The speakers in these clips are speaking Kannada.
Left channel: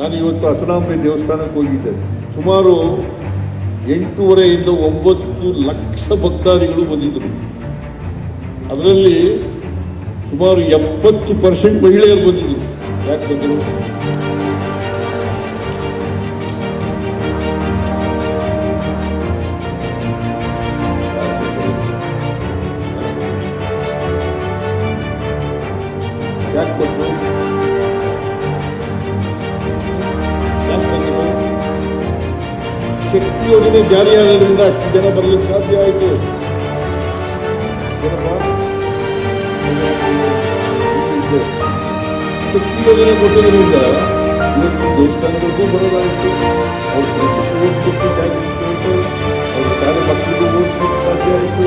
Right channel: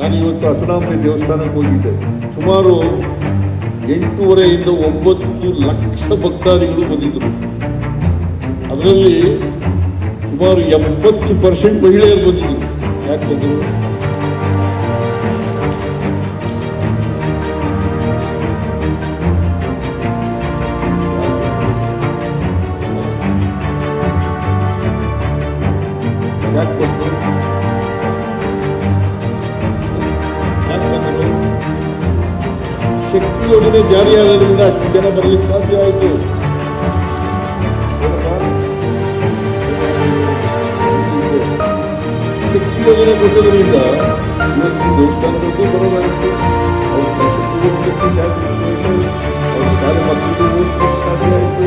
ನಾನು ಇವತ್ತು ಹಸನಾಂಬೆ ದೇವಸ್ಥಾನಕ್ಕೆ ಹೋಗಿದ್ದೆ. ಸುಮಾರು 8.5 ಇಂದ 9 ಲಕ್ಷ ಭಕ್ತಾದಿಗಳು ಬಂದಿದ್ದರು. ಅದರಲ್ಲಿ ಸುಮಾರು 70% ಮಹಿಳೆಯರು ಬಂದಿದ್ದರು. ಯಾಕೆ ಬಂದರು? ಯಾಕೆ ಬಂದರು? ಶಕ್ತಿ ಯೋಜನೆ ಜಾರಿಯಾಗೋದ್ರಿಂದ ಅಷ್ಟು ಜನ ಬರಲಿಕ್ಕೆ ಸಾಧ್ಯ ಆಯಿತು. ಶಕ್ತಿ ಯೋಜನೆ ಕೊಟ್ಟದ್ರಿಂದ ಇವತ್ತು ದೇವಸ್ಥಾನಗಳಿಗೂ ಬರೋದಾಯಿತು, ಅವ್ರ ಕೆಲಸಕ್ಕೆ ಹೋಗ್ಲಿಕ್ಕೆ ಜಾಗ ಹೋಯ್ತು, ಅವ್ರ ಶಾಲೆ ಮಕ್ಕಳಿಗೂ ಓದಿಸ್ಲಿಕ್ಕೆ ಸಾಧ್ಯ ಆಯಿತು.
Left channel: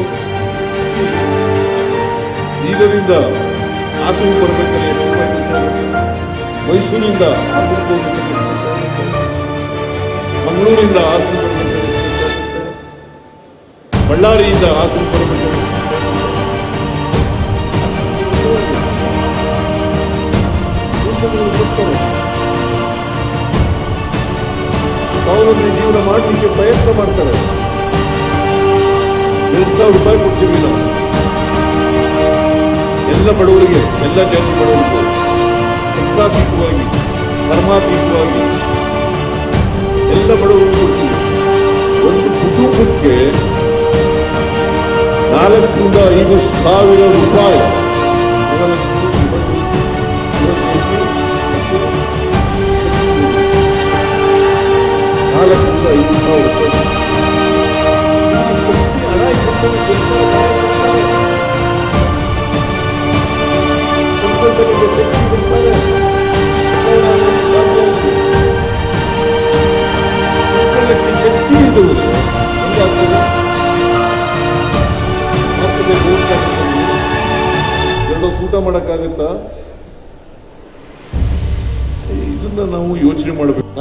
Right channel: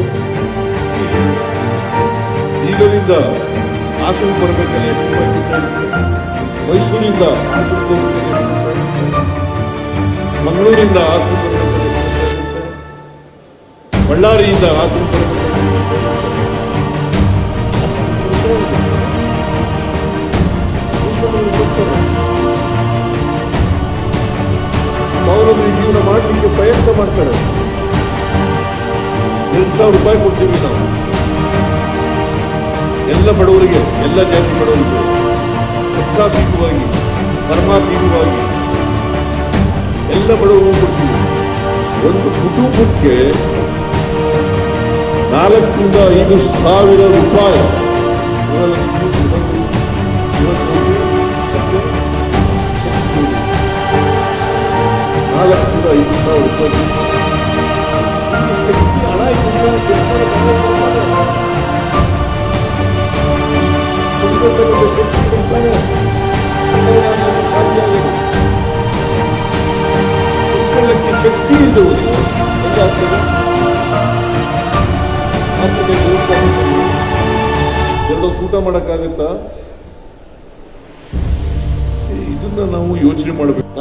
ಈಗದಿಂದ ಹಾಸನ ಬರ್ಬೇಕಾದ್ರೆ ಎಷ್ಟು ರೂಪಾಯಿ ಖರ್ಚಾಗುತ್ತೆ? ಮೈಸೂರಿಂದ ಹಾಸನಕ್ಕೆ ಹೋಗ್ಬೇಕಾದ್ರೆ ಎಷ್ಟು ಖರ್ಚಾಗುತ್ತೆ? ಮಂಗಳೂರಿಂದ ಹಾಸನ ಬರಬೇಕಾದ್ರೆ ಎಷ್ಟು ಖರ್ಚಾಗುತ್ತೆ? ಬಳ್ಳಾರಿಯಿಂದ ಹಾಸನ ಬರಬೇಕಾದ್ರೆ ಬರ್ತಾರೆ. ಸ್ವಾವಲಂಬಿ ಜೀವನ ಮಾಡಲಿಕ್ಕೆ ಪ್ರಯತ್ನ ಮಾಡ್ತಾರೆ. 2,000 ರೂಪಾಯಿ ಕೊಡ್ತೀವಿ ನಾವು ಎಲ್ಲ ಬಡವರಿಗೆ, ಎಲ್ಲ ಜಾತಿ ಬಡವರಿಗೂ, ಪಕ್ಷಾತೀತವಾಗಿ, ಧರ್ಮಾತೀತವಾಗಿ ಎಲ್ಲ ಬಡವರಿಗೂ ಕೊಡ್ತೀವಿ. ಒಂದು ಕುಟುಂಬಕ್ಕೆ 4,000 ರಿಂದ 5,000 ರೂಪಾಯಿ ಕೋಟಿ ಮತ್ತು 4,000 ರಿಂದ 5,000 ರೂಪಾಯಿ ಈ ಶಕ್ತಿ ಹಣ ಕೊಂಡ್ಕೊಳ್ತಕ್ಕಂಥ ಶಕ್ತಿ ಬರ್ತಾನೆ ಸಾಧ್ಯ ಆಗಿದೆ. ಕೊಂಡ್ಕೊಳ್ಳಕ್ಕೆ ಶಕ್ತಿ ಇದ್ದವರು ಹೆಂಗಾಗ್ತದೆ? ಆಗ್ತದೆ ಎರಡೋ ಊಟ ಮಾಡೋಕ್ಕಾಗತ್ತಾ? ಇದನ್ನ ನಾವು ಯೋಚನೆ ಮಾಡಬೇಕು.